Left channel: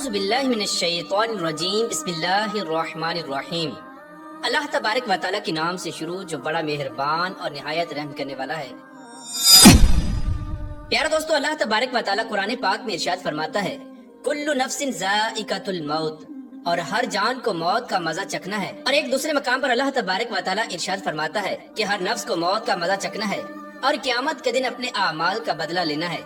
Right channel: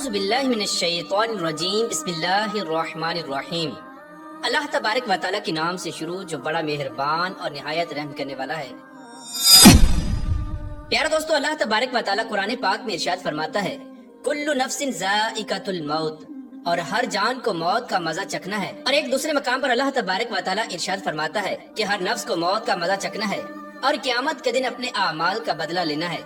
اعوذ باللہ من الشیطان الرجیم بسم اللہ الرحمن الرحیم۔ اللہ تبارک و تعالیٰ کے نام سے شروع جو بڑا مہربان اور نہایت رحم کرنے والا ہے۔ پیارے دوستو، اللہ تبارک و تعالیٰ قرآن پاک میں ارشاد فرماتا ہے کل نفس ذائقۃ الموت، اور ہر جان کو موت کا مزہ چکھنا ہے۔ اور ایک دوسرے مقام پر اللہ تبارک و تعالیٰ ارشاد فرماتا ہے کہ ہر نفس کو موت کا مزہ چکھنا ہے اور قیامت کے دن اپنے اعمال کا بدلہ لینا ہے۔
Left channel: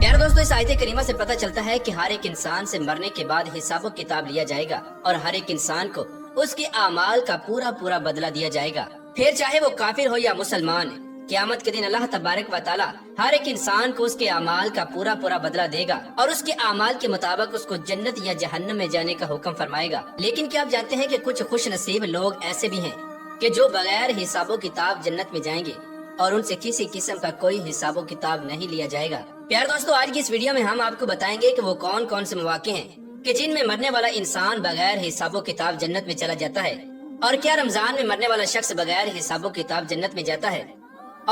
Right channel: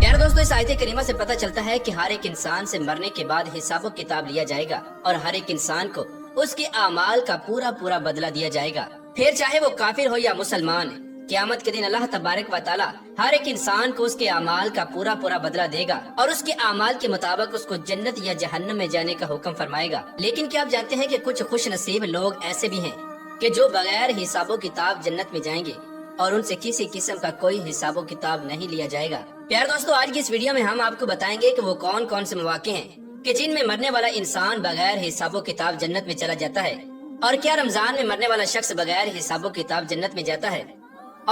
پیارے دوستو، اس آیت کریمہ سے پتہ چلتا ہے کہ ہر ایک انسان سے مرنے کے بعد حساب و کتاب لیا جائے گا اور ہر ایک انسان کو اس کے اعمال کا پورا بدلہ دیا جائے گا، پھر چاہے وہ کافر ہو یا مسلمان۔ قیامت کے دن اللہ تبارک و تعالیٰ ہر ایک انسان کو اس کے اعمال کا پورا بدلہ دے گا اور اس کے اعمال کے مطابق اس کو جنت یا جہنم میں جانے کا حکم فرمائے گا۔ لیکن کیا آپ جانتے ہیں کہ کچھ خوش نصیب لوگ ایسے بھی ہیں کہ جو بغیر حساب و کتاب جنت میں جائیں گے اور ان سے کسی قسم کا کوئی حساب و کتاب نہیں لیا جائے گا۔ پیارے دوستو، آج کی اس ویڈیو میں ہم آپ کو بتائیں گے کہ وہ کون سے مواقع ہیں کہ جن میں مرنے والا انسان بغیر حساب و کتاب جنت میں چلا جاتا ہے، اور کیا رمضان میں مرنے والا شخص بغیر حساب و کتاب جنت میں جاتا ہے،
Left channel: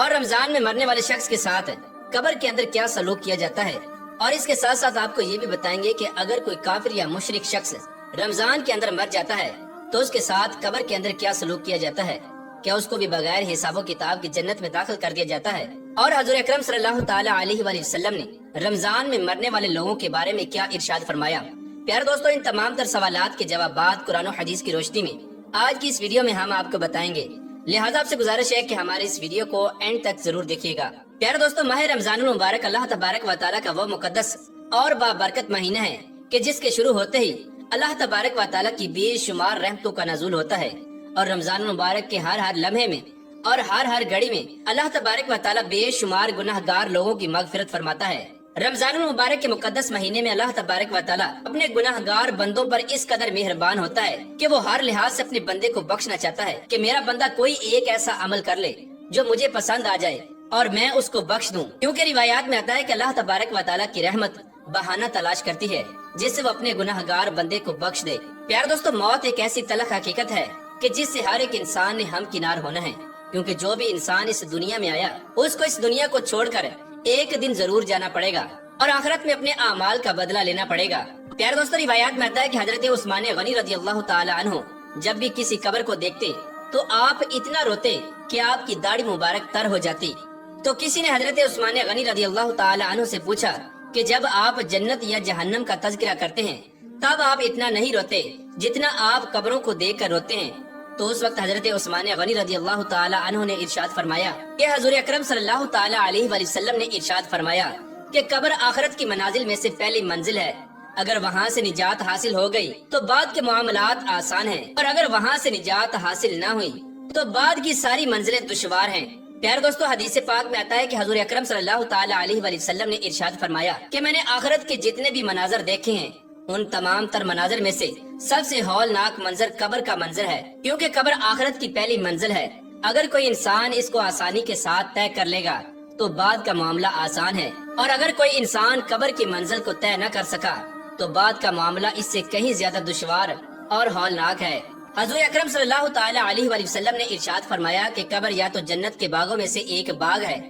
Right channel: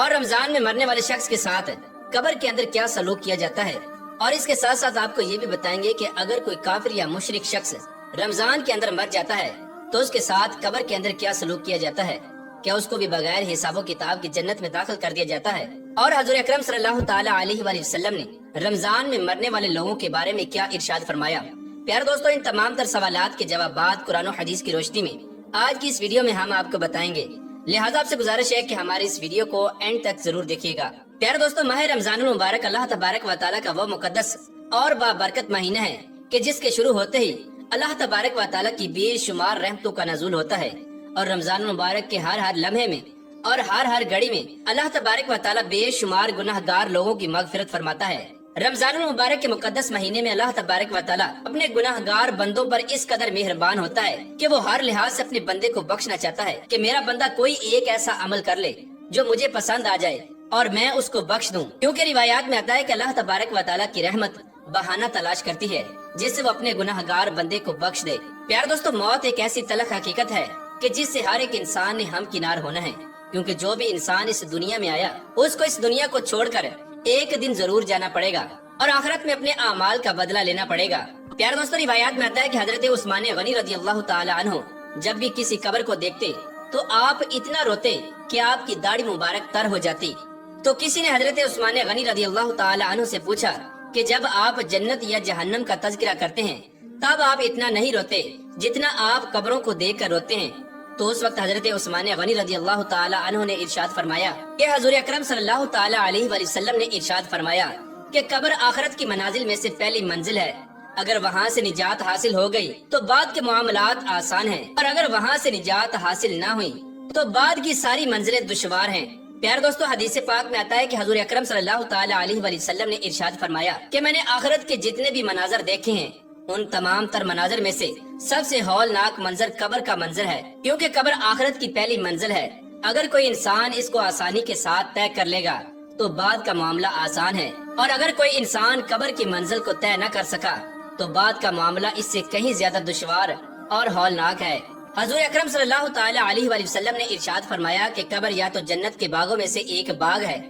اور رمضان میں مرنے والے شخص کے ساتھ قبر کے اندر کیا سلوک کیا جاتا ہے، اور اس کے ساتھ ساتھ آپ کو یہ بھی بتائیں گے کہ اگر کوئی کافر یا مشرک شخص رمضان کے اندر مر جاتا ہے تو اس کے ساتھ قبر کے اندر کیا سلوک کیا جاتا ہے، کیا اس کو بھی بغیر حساب و کتاب کی جنت میں داخل کر دیا جاتا ہے، اور حضور اکرم صلی اللہ تعالی علیہ وآلہ وسلم نے رمضان میں مرنے والے لوگوں کے بارے میں کیا ارشاد فرمایا۔ پیارے دوستو، ان تمام تر سوالات کے جوابات قرآن و حدیث کی روشنی میں آج کی اس ویڈیو میں ہم آپ کو بتائیں گے، لہٰذا آپ سے گزارش ہے کہ ہماری اس ویڈیو کو اینڈ تک ضرور دیکھیے گا۔ پیارے دوستو، ماہ رمضان المبارک اللہ تبارک و تعالیٰ کا وہ مقدس اور بابرکت مہینہ ہے کہ جس کے شروع ہوتے ہی اللہ تبارک و تعالیٰ کی بے شمار رحمتوں کا نزول ہوتا ہے، اور رمضان المبارک کے ہر لمحے میں اور ہر گھڑی میں اللہ تبارک و تعالیٰ بے شمار گناہ گار لوگوں کی مغفرت فرماتا ہے۔ رمضان المبارک کے مقدس مہینے میں اللہ تبارک و تعالیٰ اپنے گناہ گار بندوں پر اس قدر مہربان ہوتا ہے کہ وہ ہر لحاظ سے اپنے بندے کو بخشنا چاہتا ہے کہ میرا بندہ کوئی ایک ایسا عمل کر لے جو مجھے پسند آ جائے اور میں اس کو بخش دوں، کیونکہ روایات میں آتا ہے کہ اللہ تبارک و تعالیٰ کی رحمت بہانہ تلاش کرتی ہے جس سے وہ اپنے گناہ گار بندے کو بخش دے۔ پیارے دوستو، موت ایک ایسی تلخ حقیقت ہے کہ جس سے ہر ایک انسان نے ہمکنار ہونا ہے، کیونکہ جو بھی انسان اس دنیا میں آیا اس کو اس دنیا کو چھوڑ کر ایک دن ضرور جانا پڑے گا اور آخرت میں اپنے اعمال کا بدلہ لینا پڑے گا۔ پیارے دوستو، روایات میں آتا ہے کہ حضرت عثمان غنی رضی اللہ تعالی عنہ جب بھی کسی قبر کو دیکھتے تو آپ اتنا روتے کہ آپ کی داڑھی مبارک تر ہو جاتی۔ تو کسی نے حضرت عثمان غنی رضی اللہ تعالی عنہ سے پوچھا کہ جب آپ جنت یا جہنم کا تذکرہ کرتے ہیں تب آپ اتنا نہیں روتے جتنا آپ قبروں کو دیکھ کر روتے ہیں؟ تو اس وقت حضرت عثمان غنی رضی اللہ تعالی عنہ نے ارشاد فرمایا کہ حضور اکرم صلی اللہ تعالی علیہ وآلہ وسلم نے ارشاد فرمایا کہ قبر آخرت کی منازل میں سے پہلی منزل ہے، اگر وہاں سے نجات حاصل ہو گئی تو بعد کے معاملات آسان ہیں، اور اگر وہاں سے نجات حاصل نہ ہوئی تو بعد کی ساری منزلیں دشوار ہیں۔ پیارے دوستو، حدیث پاک میں آتا ہے کہ حضور اکرم صلی اللہ تعالی علیہ وآلہ وسلم نے ارشاد فرمایا کہ میں نے آخرت کے جتنے بھی مناظر دیکھے ہیں ان تمام تر مناظر میں سے سب سے ہولناک منظر قبر کا منظر ہے، کیونکہ قبر آخرت کی پہلی منزل ہے۔ اگر کوئی انسان اس کو آسانی کے ساتھ طے کر لے گا تو بعد کا معاملہ آسان ہے، اور اگر کوئی انسان قبر کی منزل کو طے نہ کر سکا تو بعد کا معاملہ اس سے کہیں زیادہ دشوار اور ہولناک ہے۔ حضور اکرم صلی اللہ تعالی علیہ وآلہ وسلم نے ارشاد فرمایا کہ قبر یا تو جنت کے باغوں میں سے ایک باغ ہے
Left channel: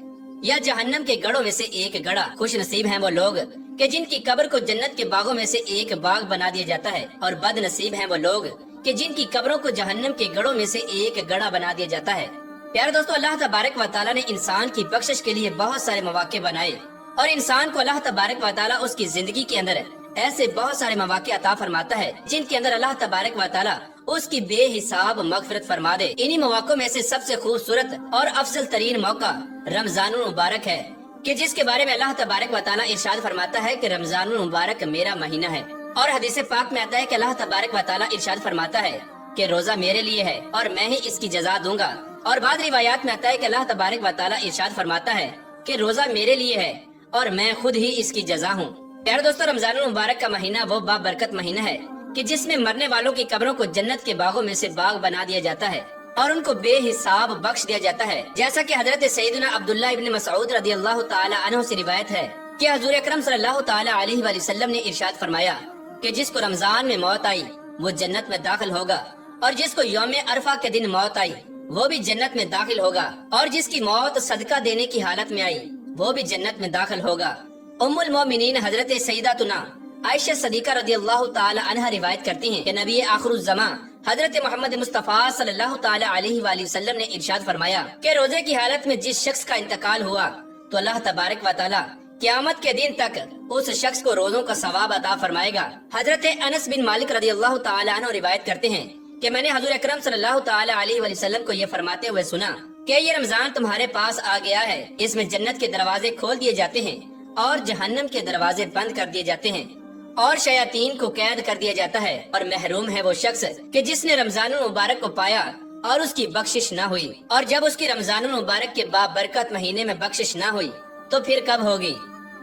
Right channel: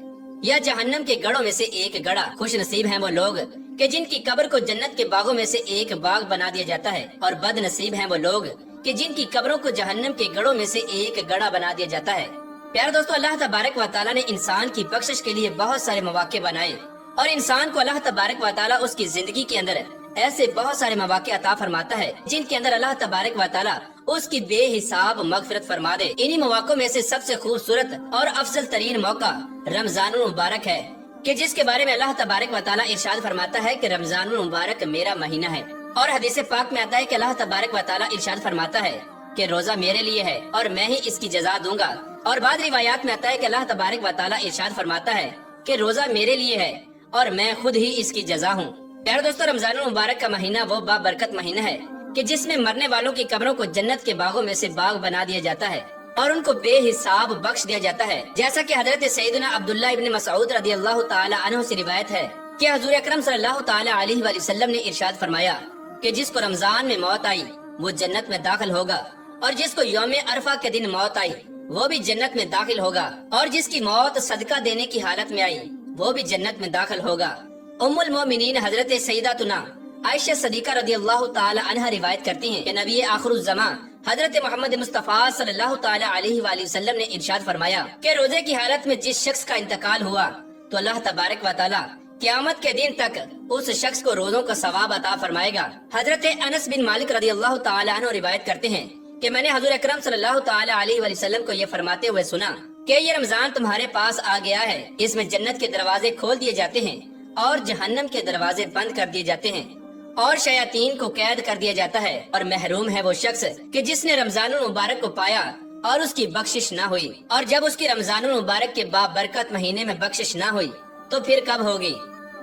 یا جہنم کے گڑھوں میں سے ایک گڑھا۔ خوش نصیب ہیں وہ لوگ کہ جن کی قبر کو جنت کے باغوں میں سے ایک باغ بنا دیا جاتا ہے، اور بد نصیب ہیں وہ لوگ کہ جن کی قبروں کو جہنم کے گڑھوں میں سے ایک گڑھا بنا دیا جاتا ہے۔ پیارے دوستو، اللہ تبارک و تعالیٰ نے انسان کی بخشش کے لیے بہت سارے مواقع بنائے، اور انسان کو اللہ تبارک و تعالیٰ اس کی زندگی کے اندر ایسے بہت سارے مواقع عطا فرماتا ہے جن کے اندر اللہ تبارک و تعالیٰ اس کی بے حساب مغفرت فرما دے۔ انہی مواقعوں میں سے سب سے خوبصورت اور افضل ترین موقع رمضان المبارک ہے کہ جس کے بارے میں اللہ تبارک و تعالیٰ ارشاد فرماتا ہے کہ رمضان المبارک میرا مہینہ ہے، اور حدیث پاک میں آتا ہے کہ اللہ تبارک و تعالیٰ ارشاد فرماتا ہے کہ روزہ میرے لیے ہے اور میں ہی اس کی جزا دوں گا، اور بعض روایات میں آتا ہے کہ اللہ تبارک و تعالیٰ ارشاد فرماتا ہے کہ روزہ میرے لیے ہے اور میں خود ہی اس کی جزا ہوں۔ پیارے دوستو، رمضان المبارک کا مہینہ وہ بابرکت مہینہ ہے کہ جس میں مرنے والوں کی قبروں کو جنت کے باغوں میں سے باغ بنا دیا جاتا ہے اور ان کو بے حساب بخش دیا جاتا ہے، جیسا کہ حضرت سیدنا عبداللہ ابن مسعود رضی اللہ تعالی عنہ سے روایت ہے کہ حضور اکرم صلی اللہ تعالی علیہ وآلہ وسلم نے ارشاد فرمایا کہ جس کو رمضان میں موت آئی وہ جنت میں داخل ہوگا، اور جس کو یوم عرفہ کے دن موت آئی وہ بھی جنت میں داخل ہوگا، اور جس کی موت صدقہ دینے کی حالت میں آئی وہ بھی جنت میں داخل ہوگا۔ ام المومنین حضرت سیداتنا عائشہ صدیقہ رضی اللہ تعالی عنہ روایت کرتی ہیں کہ نبی آخر الزماں حضرت محمد مصطفیٰ صلی اللہ تعالی علیہ وآلہ وسلم نے ارشاد فرمایا کہ روزے کی حالت میں جس شخص کا انتقال ہوا تو اللہ تبارک و تعالی قیامت کے دن تک اس شخص کو روزوں کا ثواب عطا فرمائے گا۔ حضرت انس بن مالک رضی اللہ تعالی عنہ روایت کرتے ہیں کہ میں نے حضور اکرم صلی اللہ تعالی علیہ وآلہ وسلم کو یہ فرماتے ہوئے سنا کہ یہ رمضان تمہارے پاس آ گیا ہے، اس میں جنت کے دروازے کھول دیے جاتے ہیں اور جہنم کے دروازے بند کر دیے جاتے ہیں اور شیاطین کو قید کر دیا جاتا ہے، اور محروم ہے وہ شخص کہ جس نے رمضان المبارک کو پایا اور اس کی بخشش نہ ہوئی، اور جب اس کی رمضان المبارک کے بابرکت مہینے میں بخشش نہ ہوئی تو پھر کب ہوگی؟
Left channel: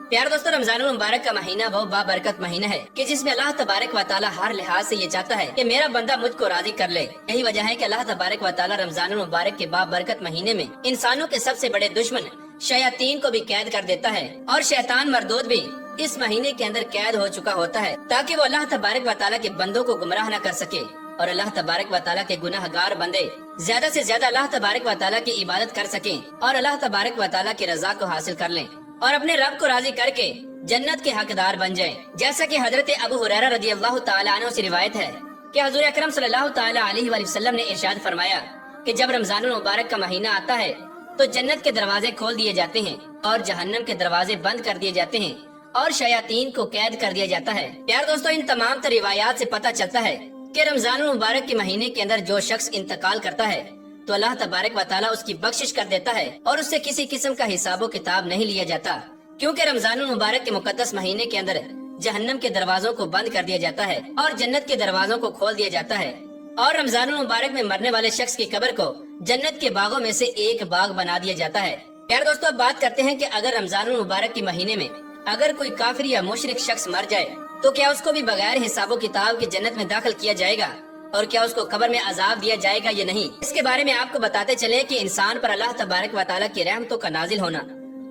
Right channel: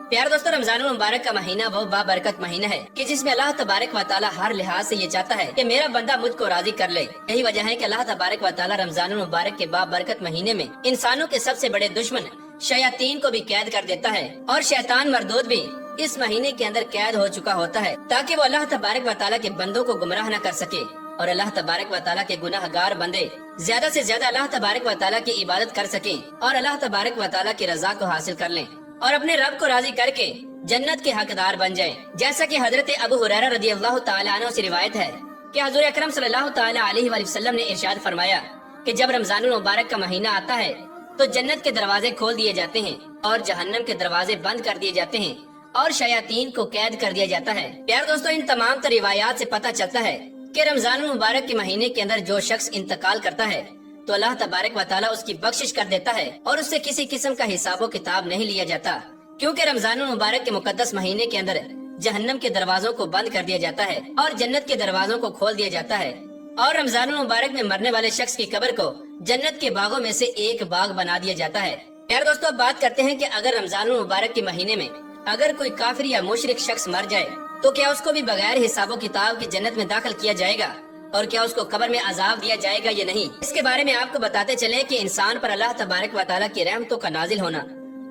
پیارے دوستو، رمضان المبارک کا مہینہ وہ بابرکت مہینہ ہے کہ جس میں اللہ تبارک و تعالی ہر لحاظ سے یہ چاہتا ہے کہ میرا بندہ مجھ کو راضی کر لے۔ یہی وجہ ہے کہ اللہ تبارک و تعالی رمضان المبارک کے بابرکت مہینے میں انسانوں کے سب سے بڑے دشمن شیاطین کو بھی قید کر دیتا ہے، اور شیطان مردود بھی اس مہینے کے اندر قید ہو چکا ہوتا ہے تاکہ وہ اللہ تبارک و تعالی کے بندوں کو گمراہ نہ کر سکے، اور اللہ تبارک و تعالی کے گناہ گار بندے زیادہ سے زیادہ اللہ تبارک و تعالی کی عبادت کر سکیں اور اللہ تبارک و تعالی کی رضا کو حاصل کر لیں اور اپنے رب کو راضی کر کے جنت کے حقدار بن جائیں۔ جیسا کہ حضرت ابو ہریرہ رضی اللہ تعالی عنہ سے روایت ہے کہ حضور اکرم صلی اللہ تعالی علیہ وآلہ وسلم نے ارشاد فرمایا کہ جب رمضان المبارک کا مہینہ آتا ہے تو جنت کے دروازے کھول دیے جاتے ہیں اور جہنم کے دروازے بند کر دیے جاتے ہیں اور شیاطین کو قید کر دیا جاتا ہے۔ پیار دوستو، ان تمام تر روایات سے پتہ چلتا ہے کہ رمضان المبارک کے مہینے کے اندر جو شخص انتقال کرتا ہے تو اللہ تبارک و تعالیٰ اس کی بخشش کر دیتا ہے اور اس سے کسی قسم کا حساب و کتاب نہیں لیا جاتا، کیونکہ رمضان المبارک کے مقدس مہینے کے اندر جہنم کے دروازوں کو بند کر دیا جاتا ہے اور جنت کے دروازوں کو کھول دیا جاتا ہے، اور رمضان المبارک میں مرنے والے شخص کی قبر کو جنت کے باغوں میں سے ایک باغ بنا دیا جاتا ہے۔ پیار دوستو، اب بات کرتے ہیں کہ اگر رمضان المبارک کے مہینے میں اگر کوئی کافر یا مشرک شخص مر جائے تو کیا اس کو بھی بغیر حساب و کتاب کی جنت میں داخل کیا جائے گا، اور کیا اس کو قبر میں عذاب دیا جائے گا یا نہیں؟ اس کے بارے میں آپ کو بتاتے چلے کہ انسان پر اللہ تبارک و تعالیٰ کی رحمتوں کا نازل ہونا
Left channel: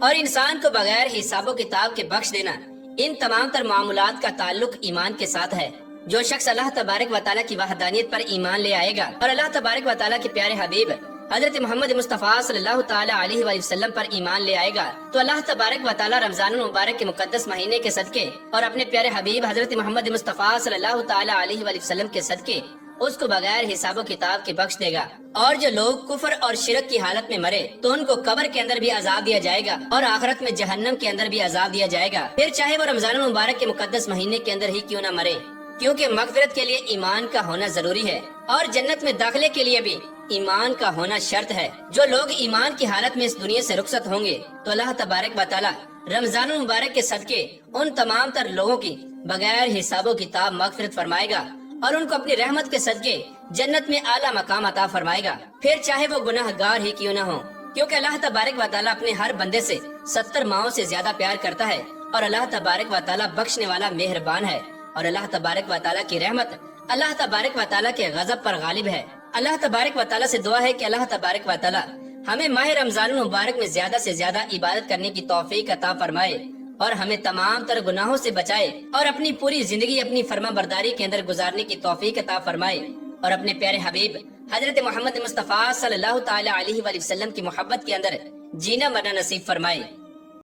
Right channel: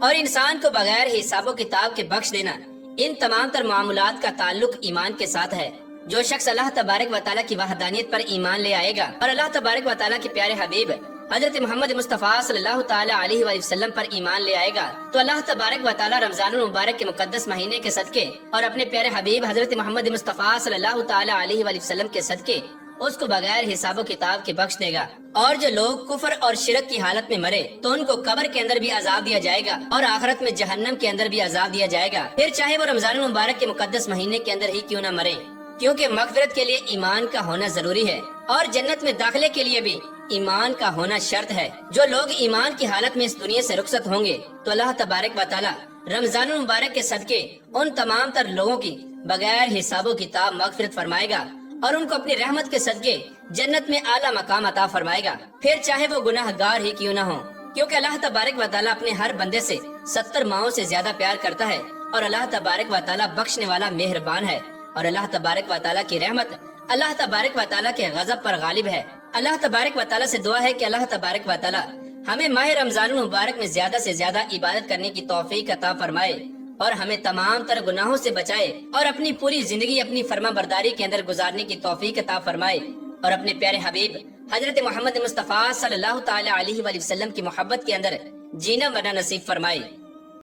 اور انسان کو بغیر حساب و کتاب کے بخش دینا، ان تمام تر معاملات کا تعلق ایمان کے ساتھ ہے۔ جو شخص اللہ تبارک و تعالیٰ کی وحدانیت پر ایمان لے آئے گا اور اللہ تبارک و تعالیٰ کے پیارے حبیب حضرت محمد مصطفیٰ صلی اللہ تعالی علیہ وآلہ وسلم پر ایمان لے آئے گا تو اللہ تبارک و تعالیٰ رمضان المبارک کے مقدس مہینے کے صدقے اور اپنے پیارے حبیب حضرت محمد مصطفیٰ صلی اللہ تعالی علیہ وآلہ وسلم کے صدقے اس کو بغیر حساب و کتاب کے بخش دے گا۔ اور جو لوگ کفر اور شرک کی حالت میں مرے تو ان کو قبر کے اندر بھی عذاب دیا جائے گا اور آخرت میں جہنم کے اندر بھی عذاب دیا جائے گا، پھر چاہے وہ رمضان المبارک کے مقدس مہینے کے اندر ہی کیوں نہ مرے، کیونکہ مغفرت کے لیے ایمان کا ہونا ضروری ہے اور جنت میں داخلے کے لیے بھی ایمان کا ہونا شرط ہے۔ جو لوگ ایمان کی حالت میں اس دنیا سے رخصت ہوں گے تو اللہ تبارک و تعالی رمضان المبارک کے صدقے ان تمام تر لوگوں کی بغیر حساب و کتاب مغفرت فرمائے گا اور ان کو اپنی رحمت کے صدقے جنت میں اعلیٰ مقام عطا فرمائے گا، پھر چاہے وہ گناہ گار ہی کیوں نہ ہوں، کیونکہ اللہ تبارک و تعالی اپنے ہر بندے سے 70 ماؤں سے زیادہ پیار کرتا ہے، اور اللہ تبارک و تعالی بخشنے والا مہربان ہے، اور اللہ تبارک و تعالی کی رحمت اللہ تبارک و تعالی کے غضب پر غالب ہے۔ اللہ تبارک و تعالی سے دعا ہے کہ اللہ تبارک و تعالی ہمیں ماہ رمضان المبارک میں زیادہ سے زیادہ عبادت کرنے کی توفیق عطا فرمائے اور ہمیں تمام تر گناہوں سے بچائے اور اپنی پوری زندگی اپنی فرما برداری کے اندر گزارنے کی توفیق عطا فرمائے اور اپنے پیارے حبیب حضرت محمد مصطفیٰ صلی اللہ تعالی علیہ وآلہ وسلم کی محبت کے اندر جینا مرنا نصیب فرمائے۔